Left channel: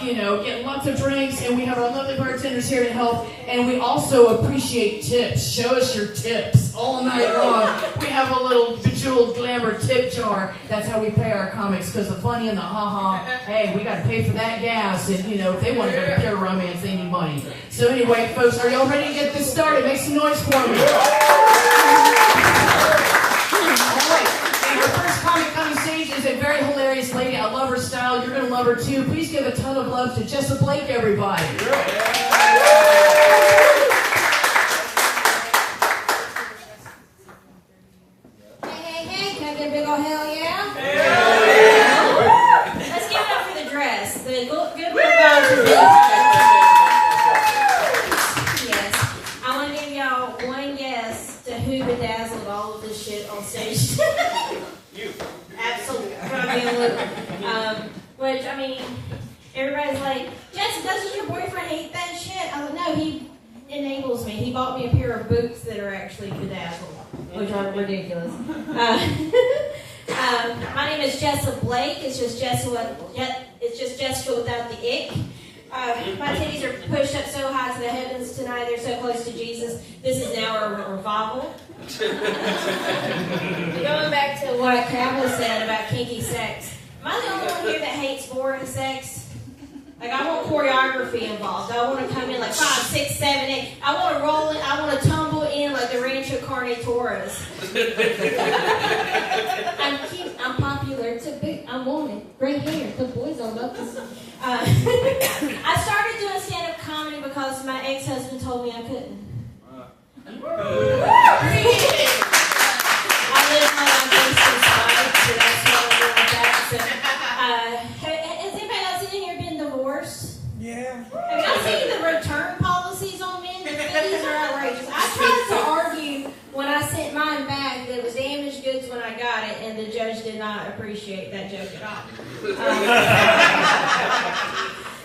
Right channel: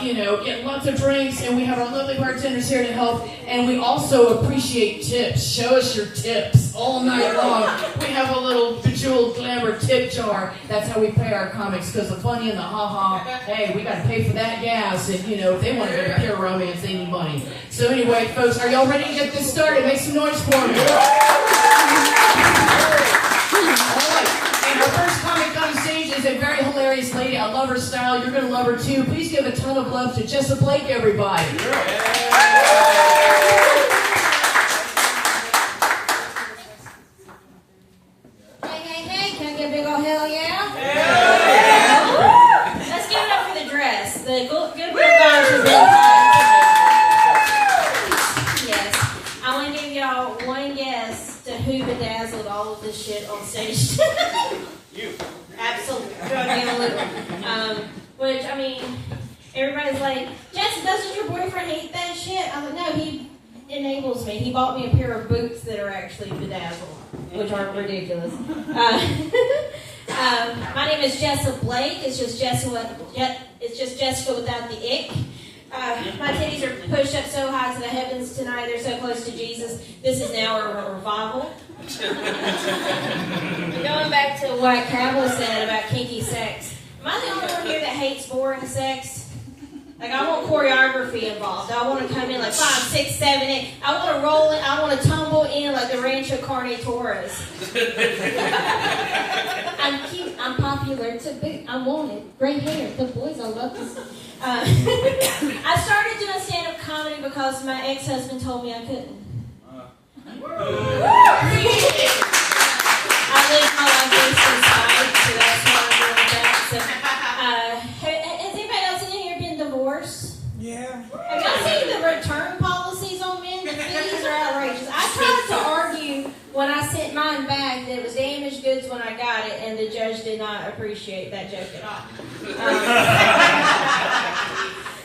getting lots of drinks, and we have our lovely bartenders here to help, and we also appreciate tips. Show us your tips all night long. We have a little bejeweled glamour tip jar. That's how we pay our comics, because the funny and the ha-ha, hey, we got to pay for that gas, and, if they want to go to Pure Romance, they need money. So anyway, folks, are y'all ready to get this started? Make some noise for me. Our first comic on stage is a very hilarious lady. I love her style. You're going to love her too. Please give a ton of love to Jessa Blake, everybody. Hey, can I get a big old hell yeah? Let's give it up for the dress. The good guys are Yes. I want to give y'all one guess to who bedazzled all of this shit on stage. You. Absolutely. Which, everybody's like, Jess, doesn't your boyfriend hate that shit? I'm like, no, he enables me. He bought me a pair of boots that are actually bedazzled, which are ridiculous. My name is Jessa Blake. It's just Jessica without the ick. My titties are pushed up so high to the heavens tonight. They're so close to Jesus. This is now a revival. Going back to what Crabble said about kinky sex. Am I the only one here that hates boring sex? Like, I want choreography involved. I want to come in like 5, 6, 7, 8. I want to roll in. I want to tumble in like the Rancho Carne Torres. I'm cute. I'm popular. To be. I'm wanted. Great hair. The boys all love this. I started doing stand-up comedy because my ex-husband told me I couldn't. I live my life inside, so that's what I'm doing with that. So, has anybody else in here been divorced? Yeah. Have y'all seen the return policies on men? The fees are outrageous. I tried to argue when I sent mine back that it was damaged goods when I got it, and the judge did not appreciate that joke at all.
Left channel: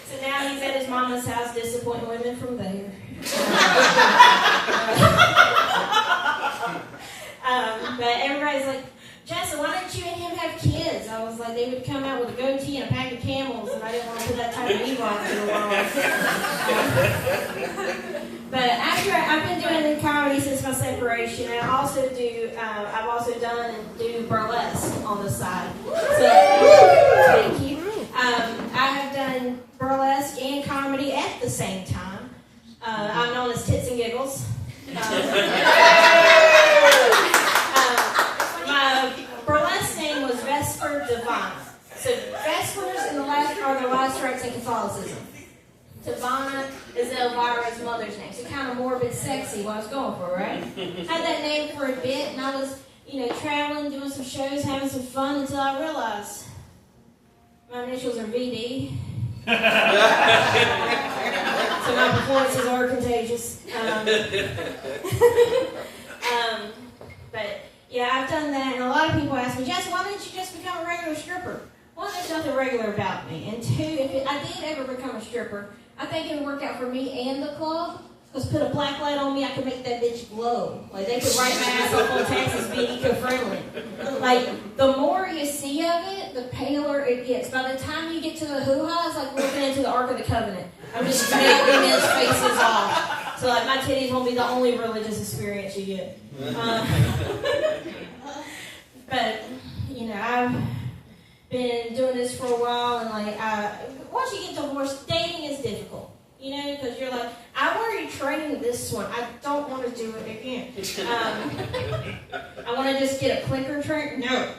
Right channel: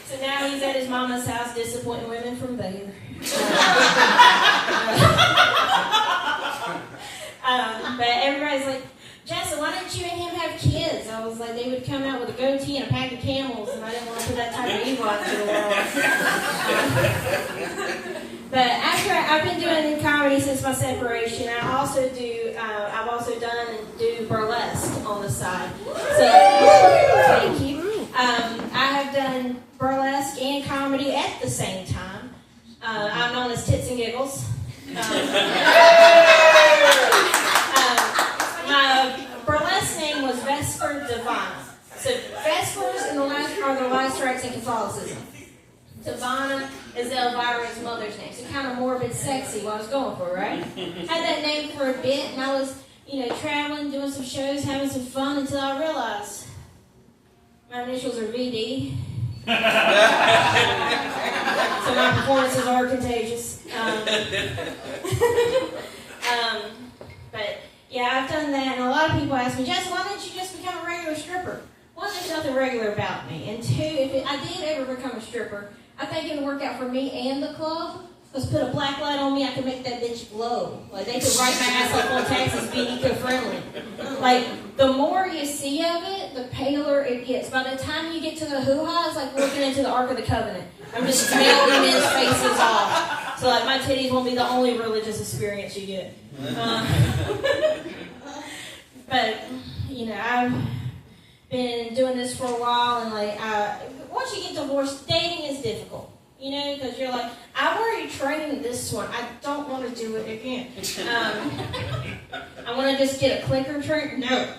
So now he's at his mama's house disappointing women from there. But everybody's like, Jessa, why don't you and him have kids? I was like, they would come out with a goatee and a pack of Camels, and I didn't want to put that type of evil out into the world. But I've been doing comedy since my separation. I've also done and do burlesque on the side. So, thank you. I have done burlesque and comedy at the same time. I'm known as Tits and Giggles. My burlesque name was Vesper Divina. So Vespers are the last rites in Catholicism. Divina is Elvira's mother's name. So kind of morbid, sexy, what I was going for, right? Had that name for a bit, and I was, traveling, doing some shows, having some fun until I realized my initials are VD. So my performances are contagious. But yeah, I've done that, and a lot of people ask me, Jess, why don't you just become a regular stripper? One, there's nothing regular about me, and two, if I did ever become a stripper, I think it would work out for me and the club. Because put a black light on me, I could make that bitch glow. Like, they could write my ass up on taxes being eco-friendly. Like, the more you see of it, the paler it gets. By the time you get to the hoo-ha, it's like looking into the Ark of the Covenant. I'm just melting men's faces off. So, like, my titties won't be the only religious experience you get. But, I've been doing this for a while, and, once you get divorced, dating is difficult. Because you're like, I've already trained this one. I don't want to do it again. I want to just get a clicker train. No.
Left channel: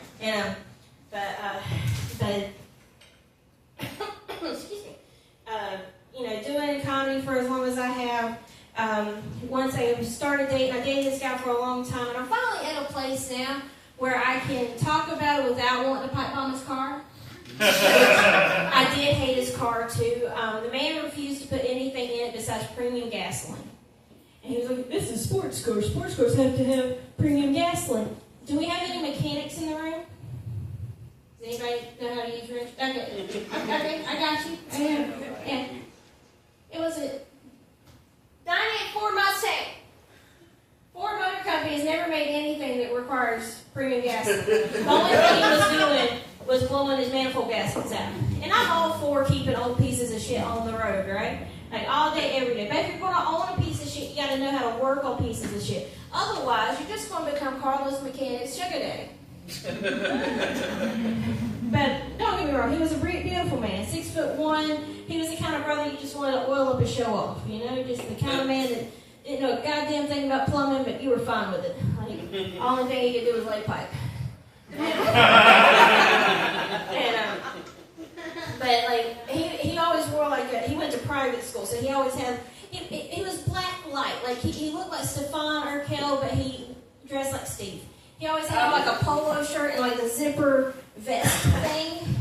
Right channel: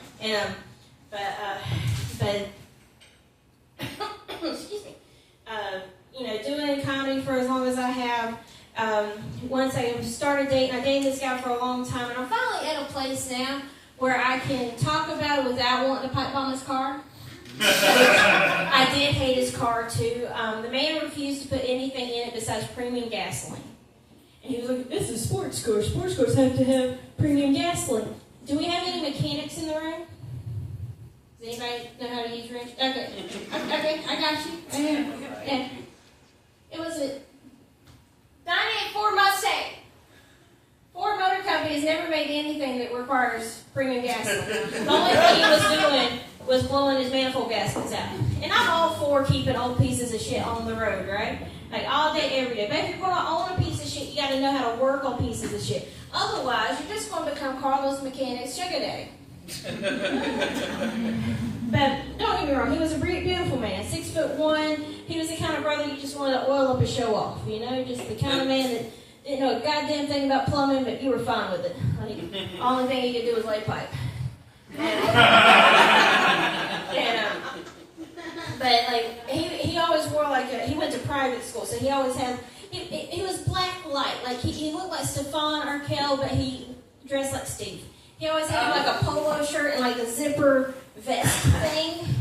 But excuse me. Doing comedy for as long as I have. Once I started dating, I dated this guy for a long time, and I'm finally at a place now where I can talk about it without wanting to pipe bomb his car. I did hate his car too. The man refused to put anything in it besides premium gasoline. And he was like, this is a sports car. Sports cars have to have premium gasoline. Do we have any mechanics in the room? Does anybody know how to use wrench? Okay, I got you. Yeah. It was a 98 Ford Mustang. Ford Motor Company has never made anything that requires premium gasoline. The only thing he was doing was blowing his manifold gaskets out. And I'm all for keeping old pieces of shit on the road, right? Like all day, every day. But if you're going to own a piece of shit, you got to know how to work on pieces of shit. Otherwise, you're just going to become Carlos Mechanic's sugar daddy. But don't get me wrong, he was a beautiful man, 6'1". He was the kind of brother you just wanted to oil up and show off, you know, just the kind of man that didn't know a goddamn thing about plumbing, but you were fine with it. Like, the only thing he could do was lay pipe. But like he always wore like he went to private school, so he always had he was black light, like he looked like Stefan Urkel, but he dressed like Steve. He always had like a polo shirt and like the zipper vest thing.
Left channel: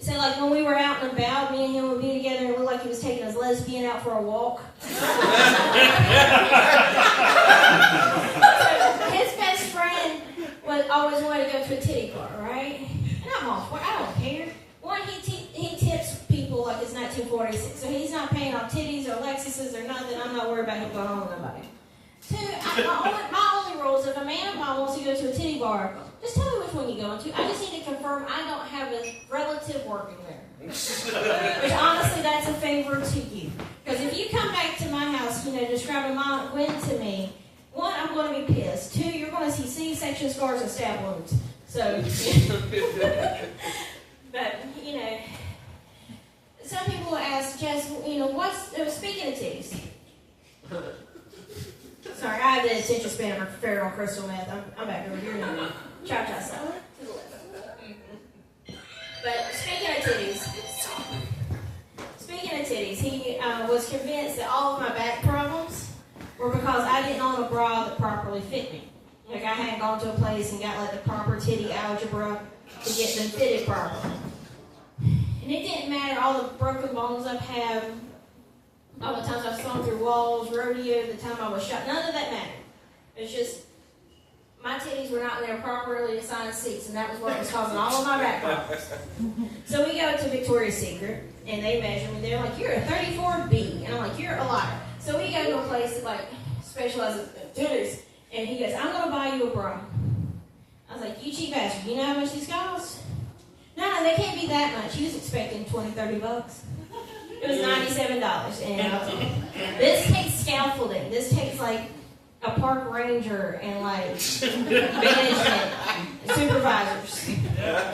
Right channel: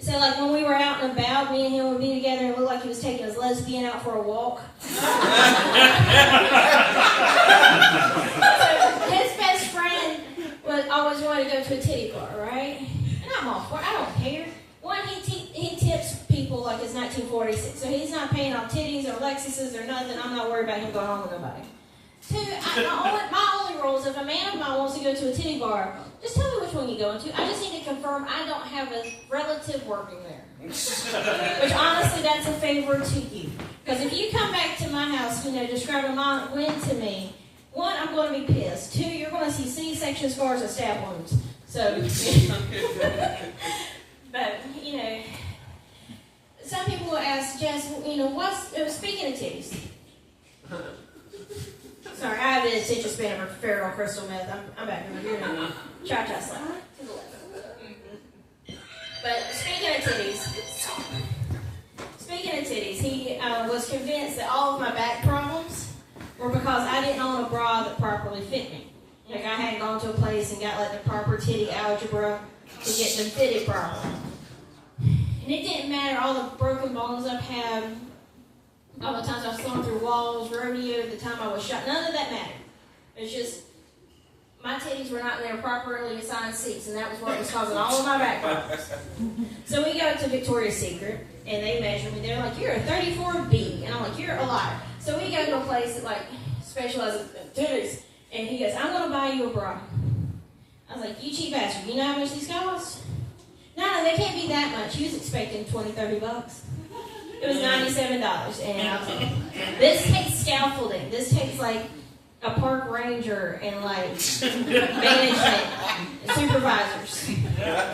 So like when we were out and about, me and him would be together and it looked like he was taking his lesbian out for a walk. So his best friend always wanted to go to a titty bar, right? And I'm all for it. I don't care. One, he tips people like it's 1946, so he's not paying on titties or Lexuses or nothing. I'm not worried about him going home with nobody. Two, my only rule is if a man of mine wants to go to a titty bar, just tell me which one you're going to. I just need to confirm I don't have a relative working there. Which honestly, that's a favor to you. Because if you come back to my house, describing my win to me, one, I'm going to be pissed. Two, you're going to see C-section scars and stab wounds. So, but, some people will ask, Jess, speaking of titties. Sorry, I have the attention span of a feral crystal meth. I'm back over here now. Cha-cha slap. To the left. But speaking of titties, he was convinced that all of my back problems were because I didn't own a bra that properly fit me. Like I hadn't gone to a place and got like the proper titty algebra to get them fitted properly. And it didn't matter all the broken bones I've had, all the times I've flown through walls, rodeo, the time I was shot. None of that mattered. It's just my titties were not in their properly assigned seats, and that was what was causing all of my back problems. So we go to Victoria's Secret, and they measure me. They're like, "You're a 34B," and I'm like, "You're a liar." So we go to a place that like specializes in titties, and he goes, "I'm going to buy you a bra." I was like, "You cheap bastard! You know how much these cost?" No, they can't be that much. He was expecting $20-$30. It was $97, and I was like, this takes scaffolding. This takes like a park ranger and like management and supervisors to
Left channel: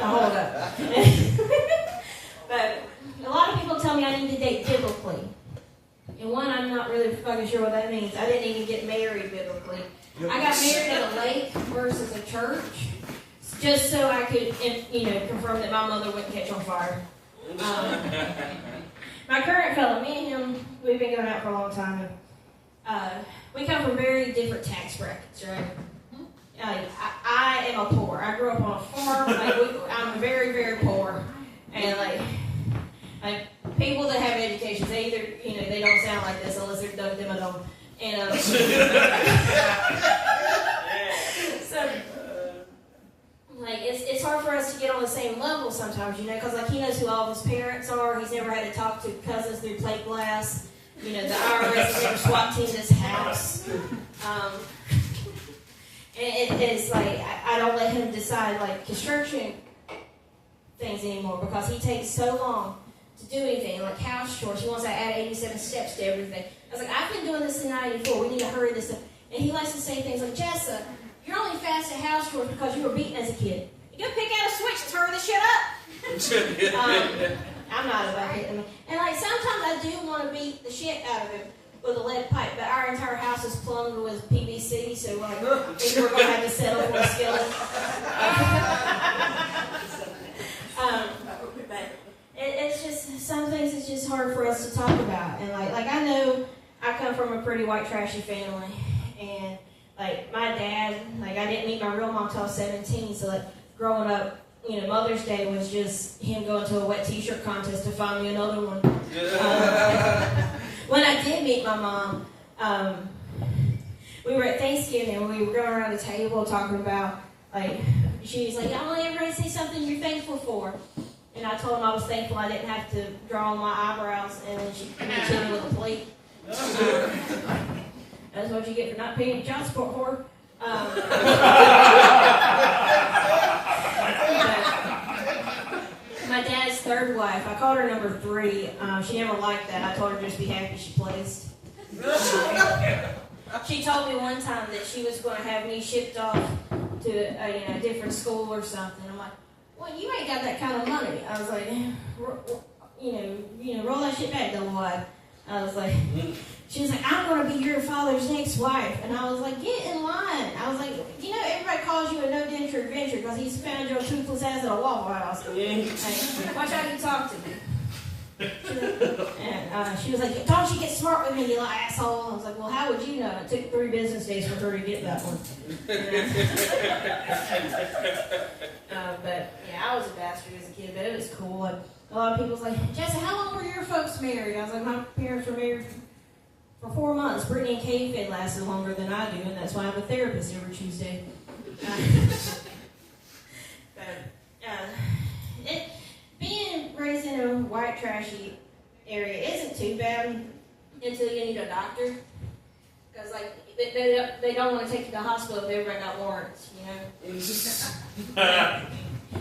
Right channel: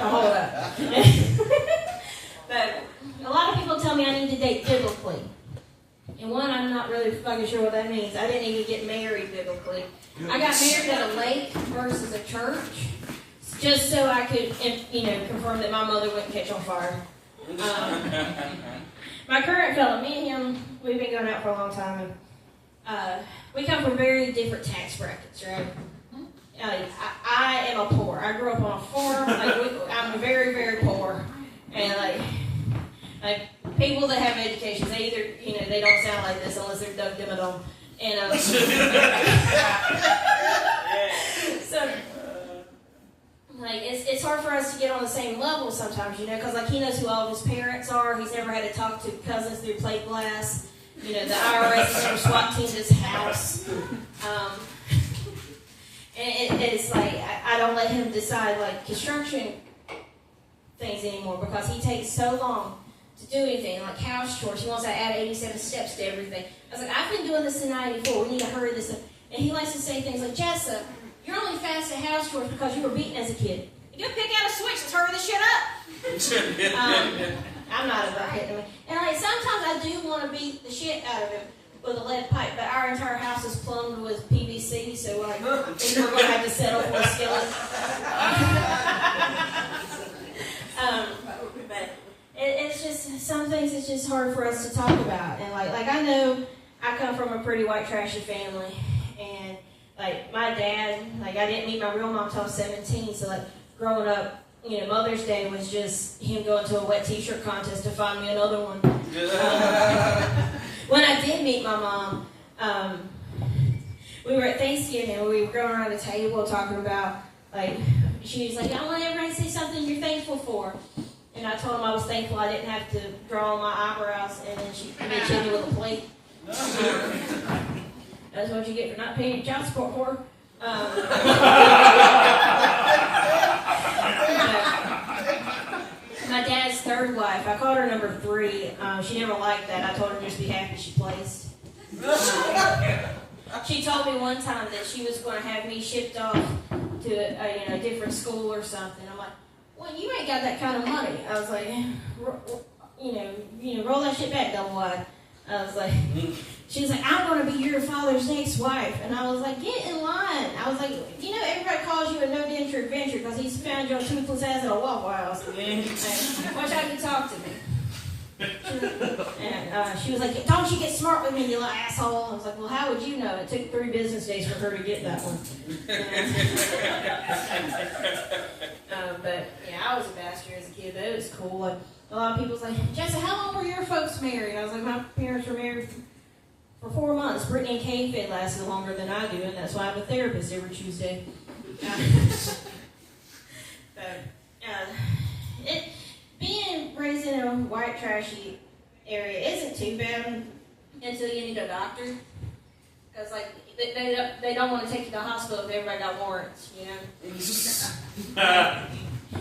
hold up. But a lot of people tell me I need to date biblically. And one, I'm not really fucking sure what that means. I didn't even get married biblically. I got married at a lake versus a church, just so I could, confirm that my mother wouldn't catch on fire. My current fellow, me and him, we've been going out for a long time. We come from very different tax brackets, right? I am a poor. I grew up on a farm. I'm very, very poor. And like people that have educations, they either, they don't sound like this unless they're Doug Dimmadome. And so, like, it's hard for us to get on the same level sometimes, because like he knows who all of his parents are. He's never had to talk to cousins through plate glass. The IRS has never SWAT teamed his house. And it's like I don't let him decide like construction things anymore because he takes so long to do anything like house chores. He wants to add 87 steps to everything. I was like, I've been doing this since '94. We need to hurry this up. And he likes to say things like, Jessa, you're only fast at house chores because you were beaten as a kid. You go pick out a switch. Let's hurry this shit up. I'm not about hitting him. And like sometimes I do want to beat the shit out of him with a lead pipe, but our entire house is plumbed with PVC, so like I think we're going to have to settle for a skillet. But it's just some things. It's just hard for us to talk about. And like I know I come from a pretty white trashy family, and like my dad, like I didn't meet my real mom until I was 17. So like growing up, Mother's Day was just him going to a wet t-shirt contest to find me another one. When I did meet my mom, we were at Thanksgiving and we were going around the table talking about, like, she was like, I want everybody to say something you're thankful for. And I told him I was thankful I didn't have to draw on my eyebrows, and then she hit me with a plate. That's what you get for not paying child support for. my dad's third wife. I called her number 3. She never liked that. I told her just be happy she placed. She told me one time that she was going to have me shipped off to a different school or something. I'm like, well, you ain't got that kind of money. I was like, roll that shit back, double wide. I was like, she's like, I'm going to be your father's next wife. And I was like, get in line. I was like, everybody calls you a no-denture adventure because he's found your toothless ass at a Waffle House. Hey, watch how you talk to me. And she was like, don't you get smart with me, you little asshole. I was like, well, how would you know? It took 3 business days for her to get that one. But, yeah, I was a bastard as a kid, but it was cool. And a lot of people was like, Jessica, how long were your folks married? I was like, my parents were married for 4 months. Brittany and Kate lasted longer than I do, and that's why I'm a therapist every Tuesday. Being raised in a white trashy area isn't too bad until you need a doctor. Because, they don't want to take you to the hospital if everybody got warrants,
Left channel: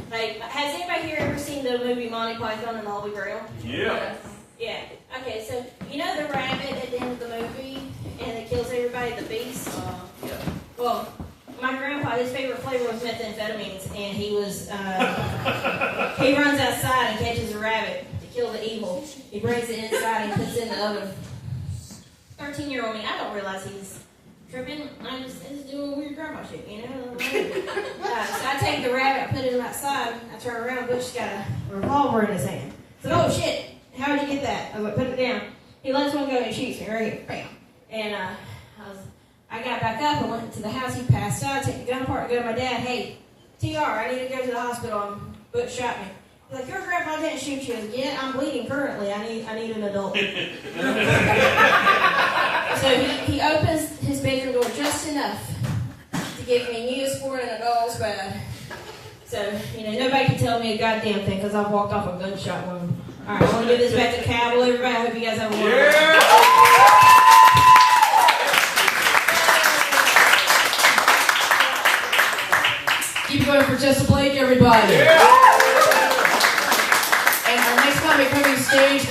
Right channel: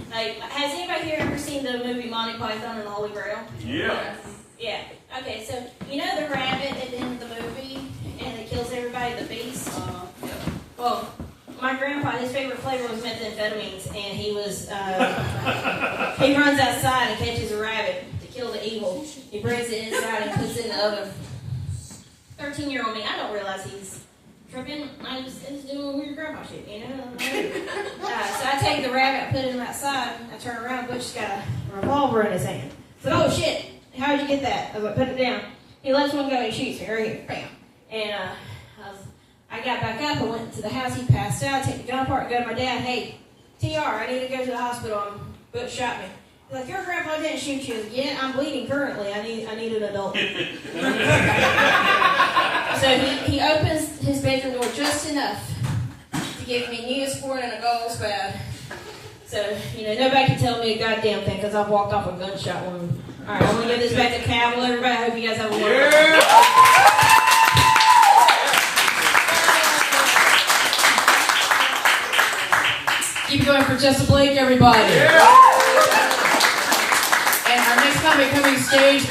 has anybody here ever seen the movie Monty Python and the Holy Grail? Yeah. Yeah. Okay, so, the rabbit at the end of the movie, and it kills everybody, the beast? Well, my grandpa, his favorite flavor was methamphetamines, and he runs outside and catches a rabbit to kill the evil. He brings it inside and puts it in the oven. 13-year-old me, I don't realize he's tripping. I'm just doing weird grandpa shit, So I take the rabbit, I put it outside, I turn around, Butch's got a revolver in his hand. So, oh shit, how did you get that? I was like, put it down. He lets one go and he shoots me right here, bam. And I got back up, I went to the house, he passed out, take the gun apart, go to my dad, hey, TR, I need to go to the hospital, Butch shot me. He's like, your grandpa didn't shoot you. Yeah, I'm bleeding currently, I need an adult. So he opens his bedroom door just enough to give me Neosporin and a dog's bath. So, nobody can tell me a goddamn thing because I've walked off a gunshot wound. All right, I want to give this back to Cabell, everybody. I hope you guys have a wonderful day. Keep going for Jessa Blake, everybody. And our next comic coming stage.